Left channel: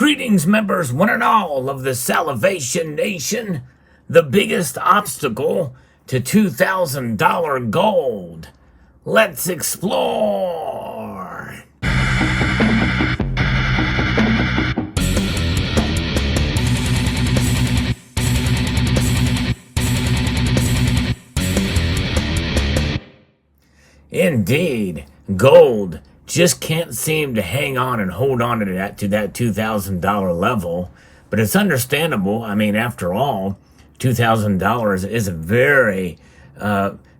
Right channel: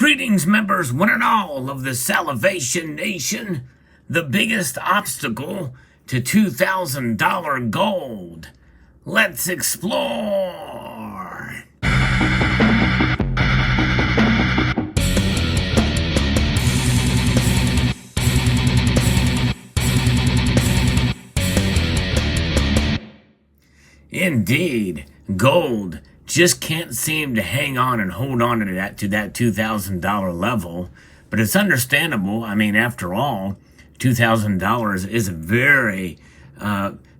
Greetings, members, one and all of the Salivation Nation. The biggest obstacle to $2,000 gold. Let's explore. Indeed, gold just can't seem to hang on and hold on to that $2,000 level. But it's understandable. I mean, after all, $2,000 is a very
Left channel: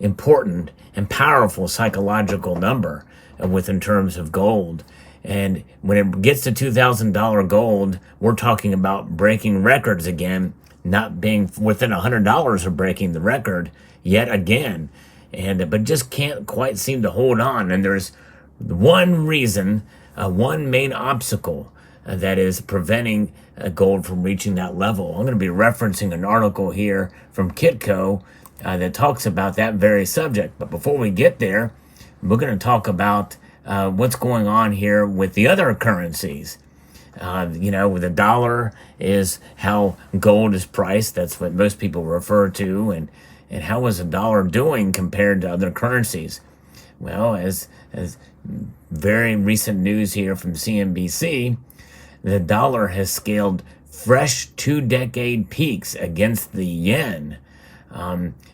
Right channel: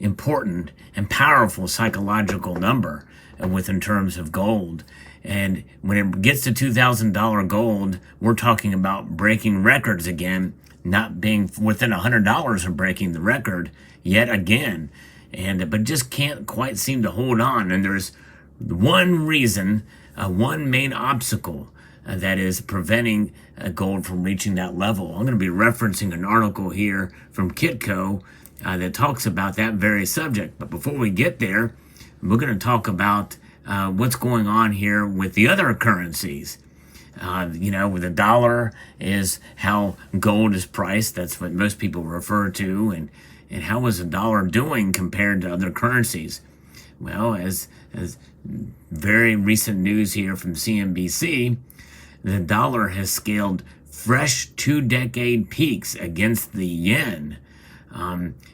important and powerful psychological number in terms of gold. And when it gets to $2,000 gold, we're talking about breaking records again, not being within $100 of breaking the record yet again. But just can't quite seem to hold on. And there's one reason, one main obstacle that is preventing gold from reaching that level. I'm going to be referencing an article here from Kitco that talks about that very subject. But before we get there, we're going to talk about what's going on here with the other currencies. The dollar is how gold is priced. That's what most people refer to. And how is the dollar doing compared to other currencies? Well, as very recent news here from CNBC, the dollar has scaled fresh 2-decade peaks against the yen.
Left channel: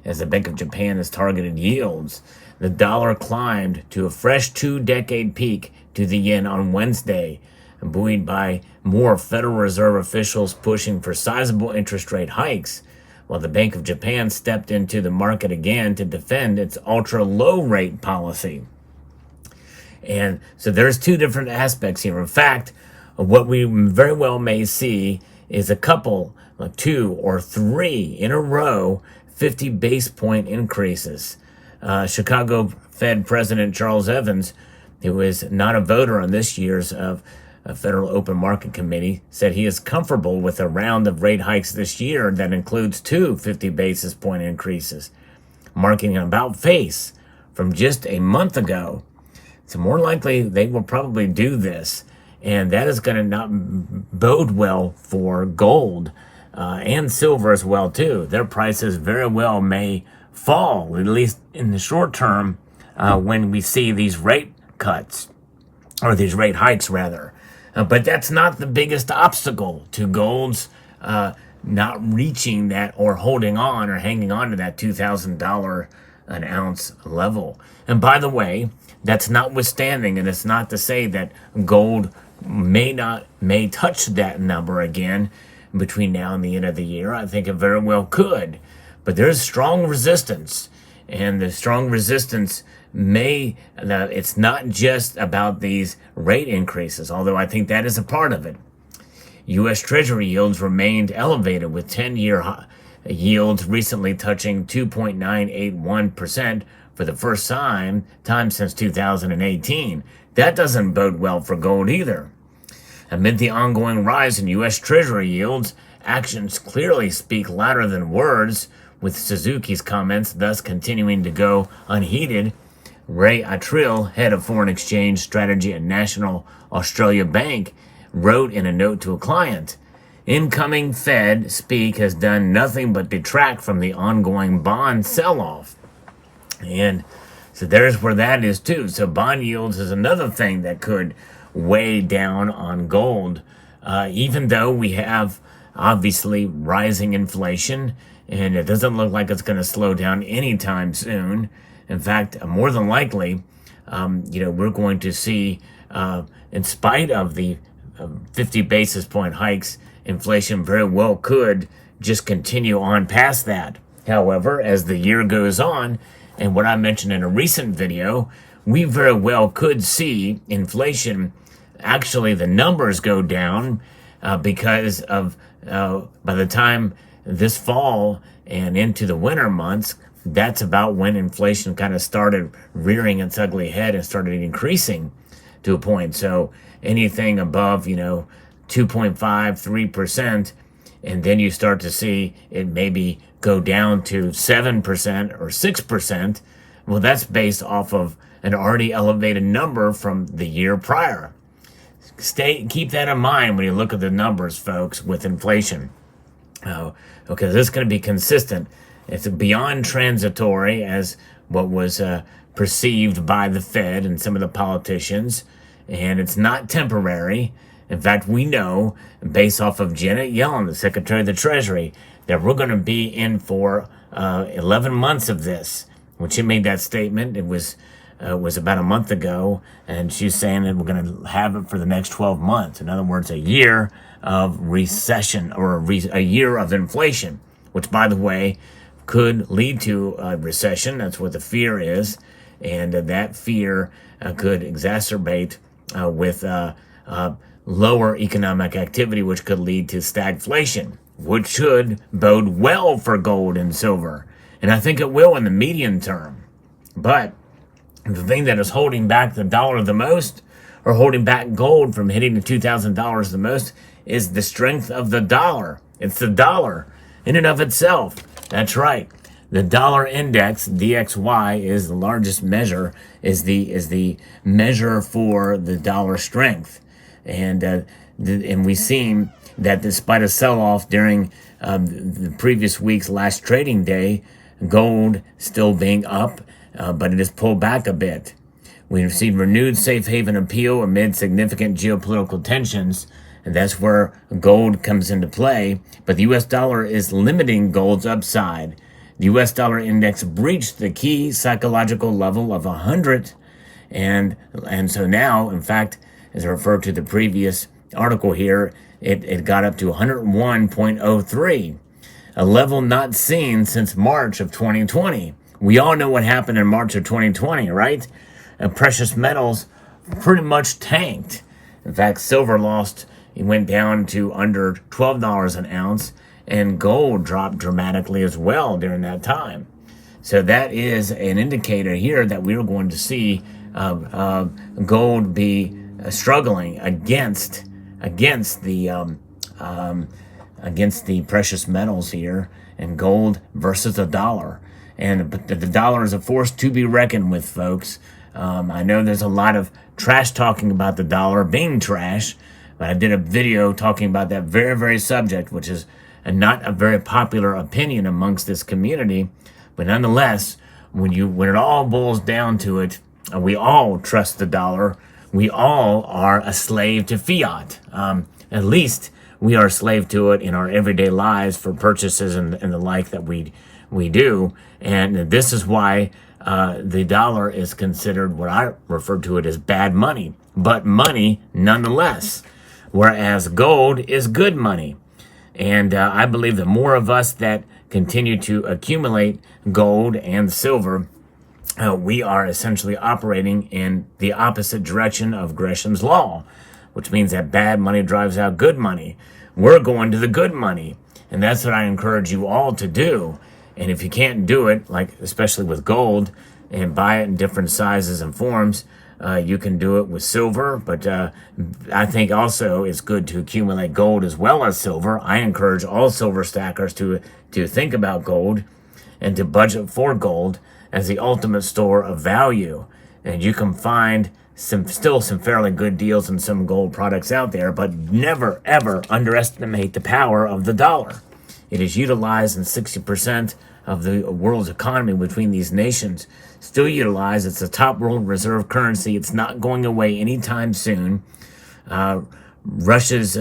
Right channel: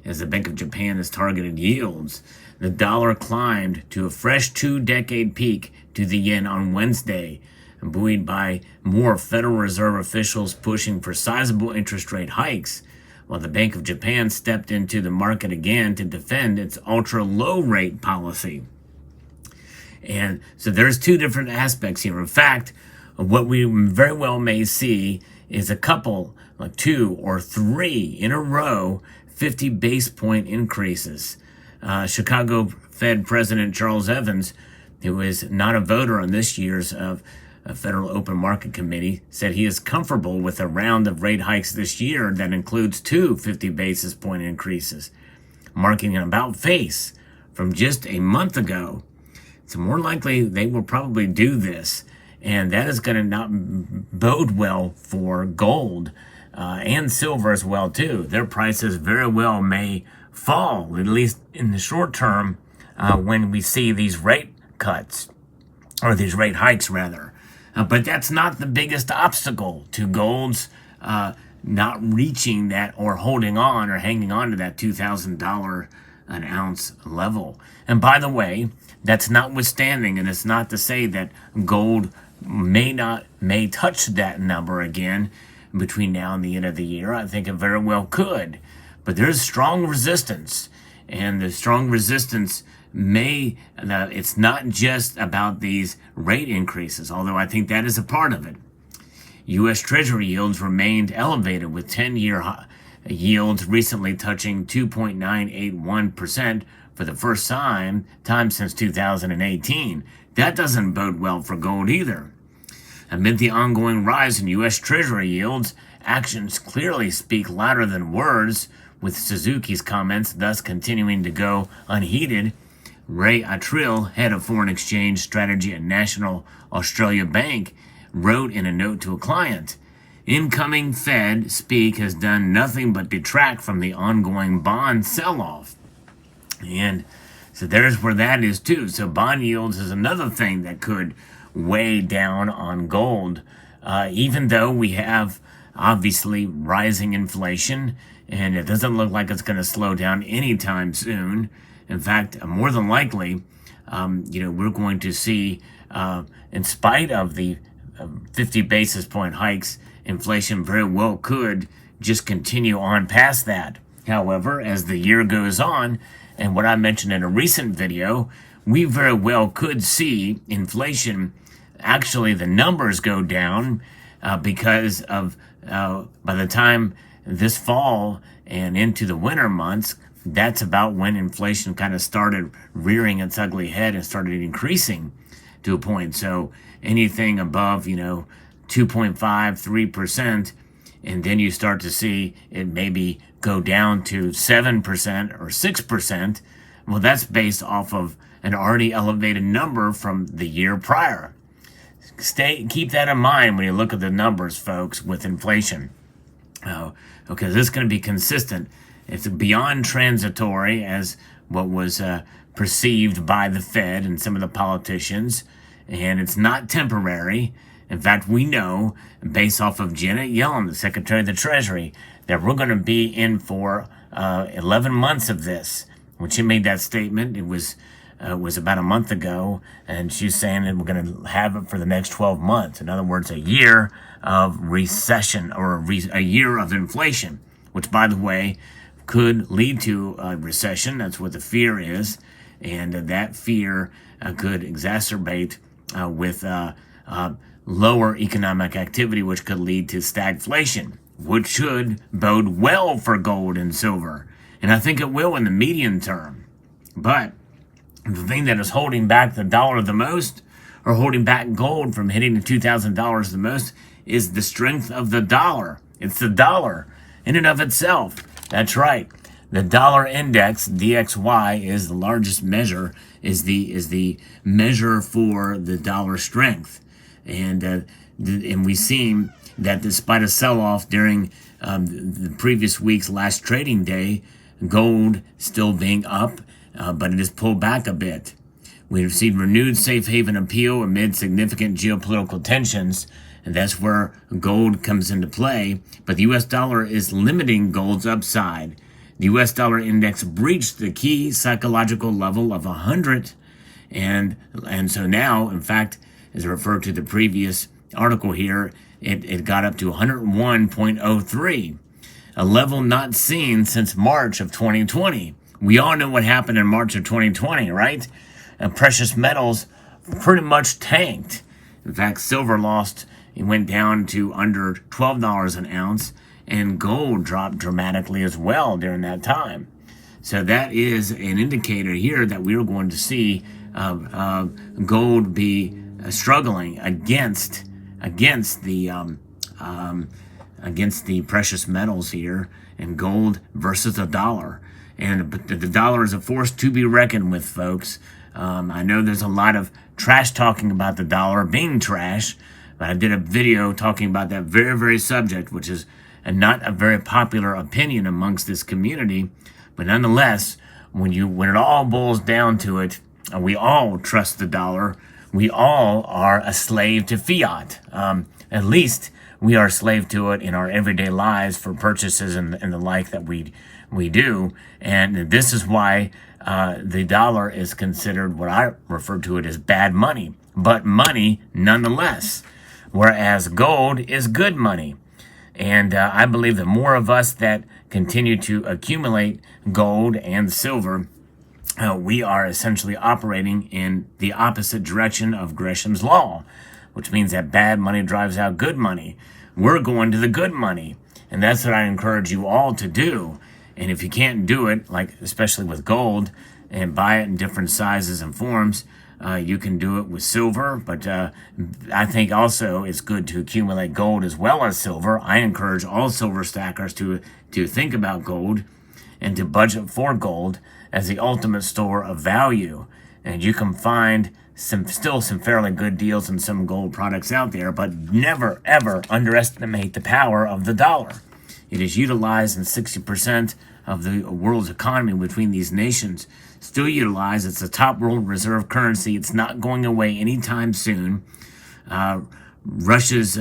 As the Bank of Japan has targeted yields, the dollar climbed to a fresh 2-decade peak to the yen on Wednesday, buoyed by more Federal Reserve officials pushing for sizable interest rate hikes, while the Bank of Japan stepped into the market again to defend its ultra-low rate policy. And so there's two different aspects here. In fact, what we very well may see is a couple, 2 or 3 in a row, 50 base point increases. Chicago Fed President Charles Evans, who is not a voter on this year's Federal Open Market Committee, said he is comfortable with a round of rate hikes this year that includes 2 50 basis point increases, marking an about face from just a month ago. So more likely they will probably do this, and that is going to not bode well for gold and silver as well too. Their prices very well may fall, at least in the short term, when we see these rate cuts, or these rate hikes rather. But that's not the biggest obstacle to gold's not reaching that or holding on or hanging on to that $2,000 an ounce level. And by the way, that's notwithstanding, and it's not to say that gold may touch that number again between now and the end of the year. I think it very well could. But there's strong resistance, and the strong resistance it's not just about these rate increases, although I think that is a part of it. U.S. Treasury yields remained elevated, with 10-year yields recently touching 2.981% for the first time since 2018. That doesn't bode well for gold either. Amid the ongoing rise in U.S. Treasury yields, actions clearly speak louder than words, with Suzuki's comments thus continuing to go unheeded. Ray Attrill, head of foreign exchange strategy at National Australia Bank, wrote in a note to a client, "Incoming Fed speak has done nothing but detract from the ongoing bond sell-off." And so there's where that is too. So bond yields is another thing that could weigh down on gold, even though we have obviously rising inflation, and it doesn't look like it's going to slow down anytime soon. In fact, more than likely, we're going to see, in spite of the 50 basis point hikes, inflation very well could just continue on past that. However, as the year goes on, and what I mentioned in a recent video, we very well could see inflation, actually the numbers go down because of by the time this fall and into the winter months, that's about when inflation kind of started rearing its ugly head and started increasing to a point. So anything above, 2.5, 3%, and then you start to see it maybe go down to 7% or 6%. Well, that's based off of an already elevated number from the year prior. keep that in mind when you look at the numbers, folks, with inflation. Okay, this is going to be consistent. It's beyond transitory as what was perceived by the Fed and some of the politicians, and it's not temporary. In fact, we know, based off of Janet Yellen, the Secretary of the Treasury, that we're going to be in for 11 months of this. When she made that statement, it was about a month ago, and she's saying that we're going to have it for the next 12 months. In other words, a year of recession or a year of inflation, which, by the way, could lead to a recession. That's what the fear is, and that fear could exacerbate with lower economic activity, which could lead to stagflation, which should bode well for gold and silver. And I think it will in the medium term. But the thing that is holding back the dollar the most, or holding back gold from hitting the $2,000 the most, is the strength of the dollar. It's the dollar in and of itself. That's right. The dollar index, DXY, is the largest measure, is the measure for the dollar strength. And we've seen that despite a sell-off during the previous week's last trading day, gold still being up, but it has pulled back a bit. We've seen renewed safe haven appeal amid significant geopolitical tensions, and that's where gold comes into play. But the U.S. dollar is limiting gold's upside. The U.S. dollar index breached the key psychological level of 100, and so now, in fact, as I referred to the previous article here, it got up to 101.03, a level not seen since March of 2020. We all know what happened in March of 2020, right? And precious metals pretty much tanked. In fact, silver it went down to under $12 an ounce, and gold dropped dramatically as well during that time. So that is an indicator here that we are going to see gold be struggling against the precious metals here, and gold versus the dollar. But the dollar is a force to be reckoned with, folks. I know there's a lot of trash talking about the dollar being trash, but I did a video talking about that very, very subject, which is not a very popular opinion amongst this community. But nonetheless, when it all boils down to it, we all trust the dollar. We all are a slave to fiat. At least we are a slave to it in our everyday lives for purchases and the like that we do. And this is why the dollar is considered what I refer to it as bad money, but money nonetheless, whereas gold is good money. And I believe the more of us that continue to accumulate gold and silver, we are essentially operating in the opposite direction of Gresham's law, which means that bad money drives out good money. We're going to the good money, and that's what I encourage you all to do. And if you can't do it, like especially with gold, and buy it in different sizes and forms, you can do it with silver. But I think also it's good to accumulate gold as well as silver. I encourage all silver stackers to think about gold and to budget for gold as the ultimate store of value. And you can find still some fairly good deals in some gold products out there, but never, ever underestimate the power of the dollar. It is utilized in 60% of the world's economy between these nations. Still utilized. It's the top world reserve currency. It's not going away anytime soon. Russia's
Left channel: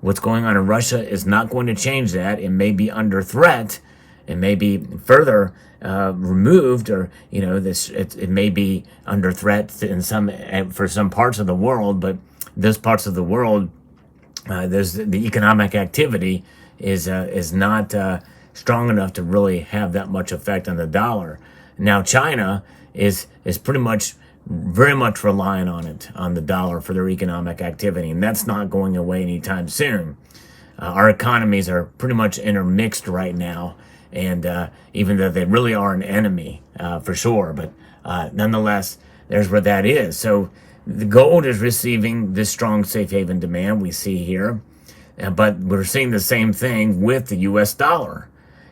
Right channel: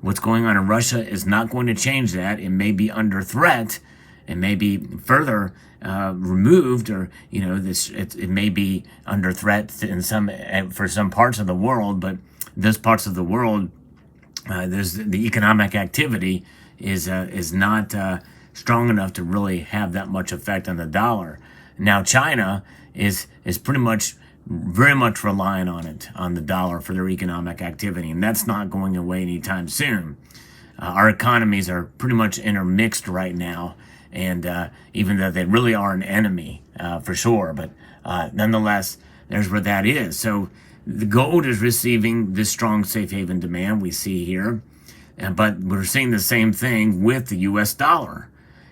what's going on in Russia is not going to change that. It may be under threat. It may be further removed, or it may be under threat for some parts of the world. But those parts of the world, there's the economic activity is not strong enough to really have that much effect on the dollar. Now China is pretty much very much relying on the dollar for their economic activity, and that's not going away anytime soon. Our economies are pretty much intermixed right now, and even though they really are an enemy for sure, but nonetheless, there's where that is. So the gold is receiving this strong safe haven demand we see here, but we're seeing the same thing with the U.S. dollar,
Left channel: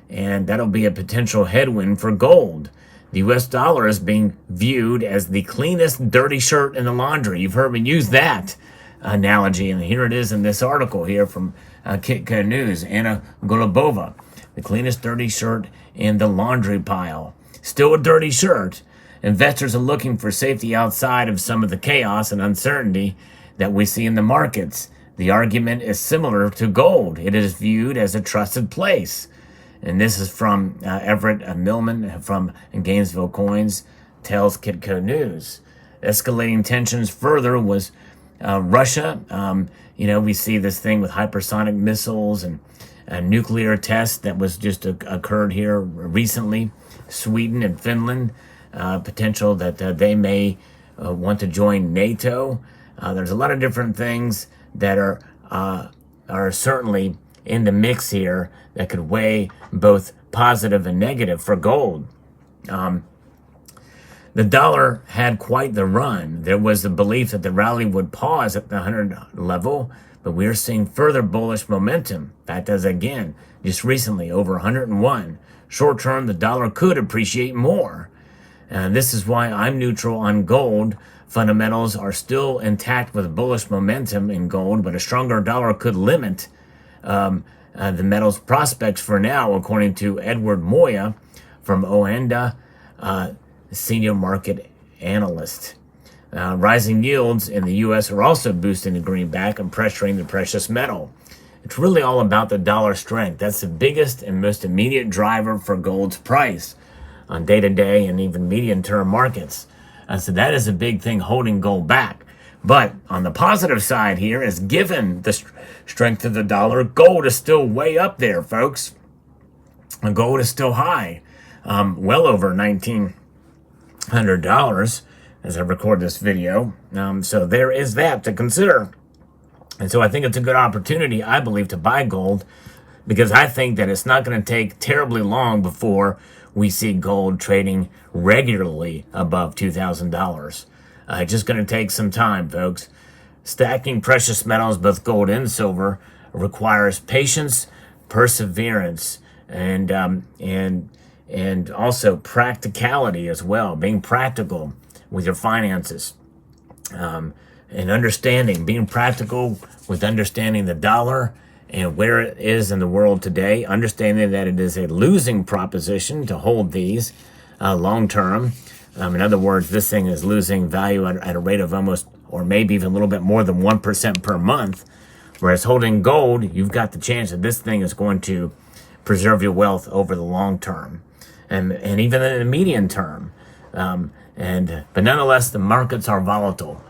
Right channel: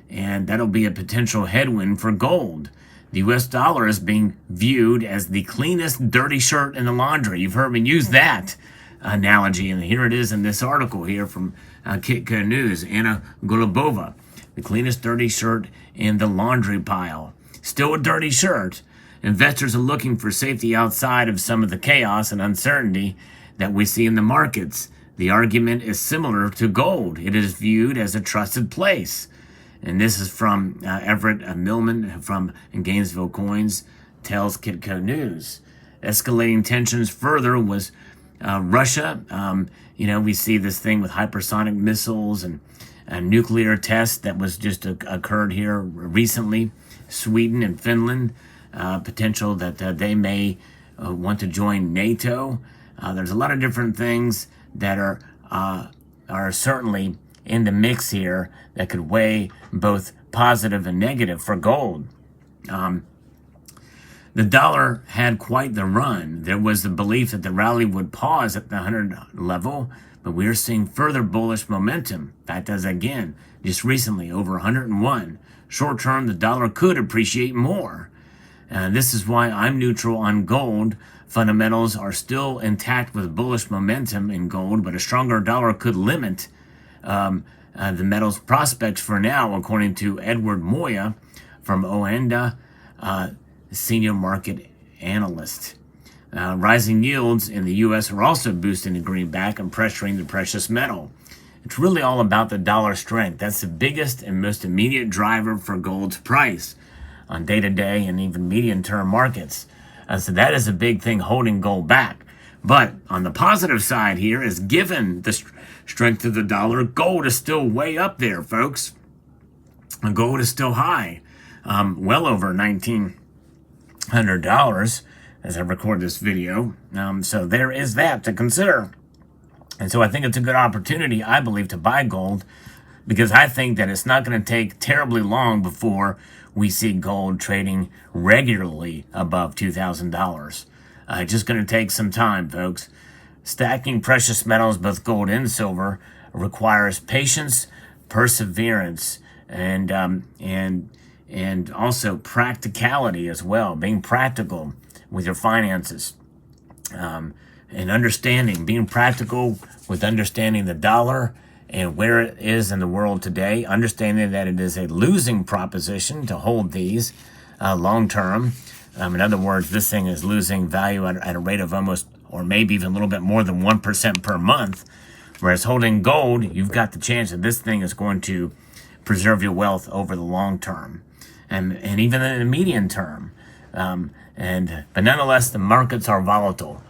and that'll be a potential headwind for gold. The U.S. dollar is being viewed as the cleanest dirty shirt in the laundry. You've heard me use that analogy, and here it is in this article here from Kitco News. Anna Golubova, the cleanest dirty shirt in the laundry pile. Still a dirty shirt. Investors are looking for safety outside of some of the chaos and uncertainty that we see in the markets. The argument is similar to gold. It is viewed as a trusted place. And this is from Everett Millman from Gainesville Coins, tells Kitco News. Escalating tensions further was Russia. We see this thing with hypersonic missiles and nuclear tests that was just occurred here recently. Sweden and Finland, potential that they may want to join NATO. There's a lot of different things that are certainly in the mix here that could weigh both positive and negative for gold. The dollar had quite the run. There was the belief that the rally would pause at the 100 level, but we're seeing further bullish momentum. In fact, as again, just recently over 101. Short term, the dollar could appreciate more. And this is why I'm neutral on gold. Fundamentals are still intact with bullish momentum in gold, but a stronger dollar could limit the metal's prospects for now, according to Edward Moya from Oanda, senior market analyst. Rising yields in the U.S. are also boosting the greenback and pressuring the precious metal. It's really all about the dollar strength. That's the biggest and most immediate driver for gold's price on day-to-day and even medium-term markets. So that is a big thing holding gold back. But on the positive side here is, given the strength of the dollar, gold is still way up there, folks. And gold is still high, well over $1,900 as I record this video. So there is that to consider. And so I think it's a good opportunity, I believe, to buy gold, because I think that it's not going to take terribly long before we see gold trading regularly above $2,000. It's just going to take some time, folks. Stacking precious metals, both gold and silver, requires patience, perseverance, and also practicality as well. Being practical with your finances, and understanding, being practical with understanding the dollar and where it is in the world today, understanding that it is a losing proposition to hold these long term. In other words, this thing is losing value at a rate of almost, or maybe even a little bit more than 1% per month. Whereas holding gold, you've got the chance that this thing is going to preserve your wealth over the long term, and even in the medium term. But nonetheless, the markets are volatile,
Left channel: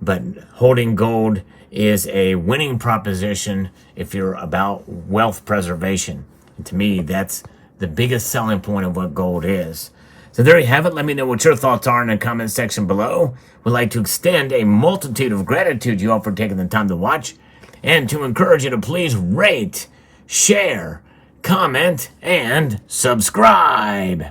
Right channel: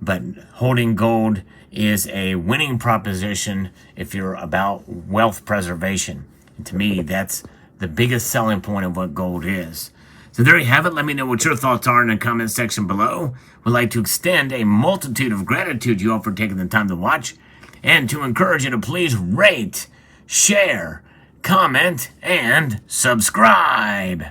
but holding gold is a winning proposition if you're about wealth preservation. And to me, that's the biggest selling point of what gold is. So there you have it. Let me know what your thoughts are in the comment section below. We'd like to extend a multitude of gratitude to you all for taking the time to watch, and to encourage you to please rate, share, comment, and subscribe.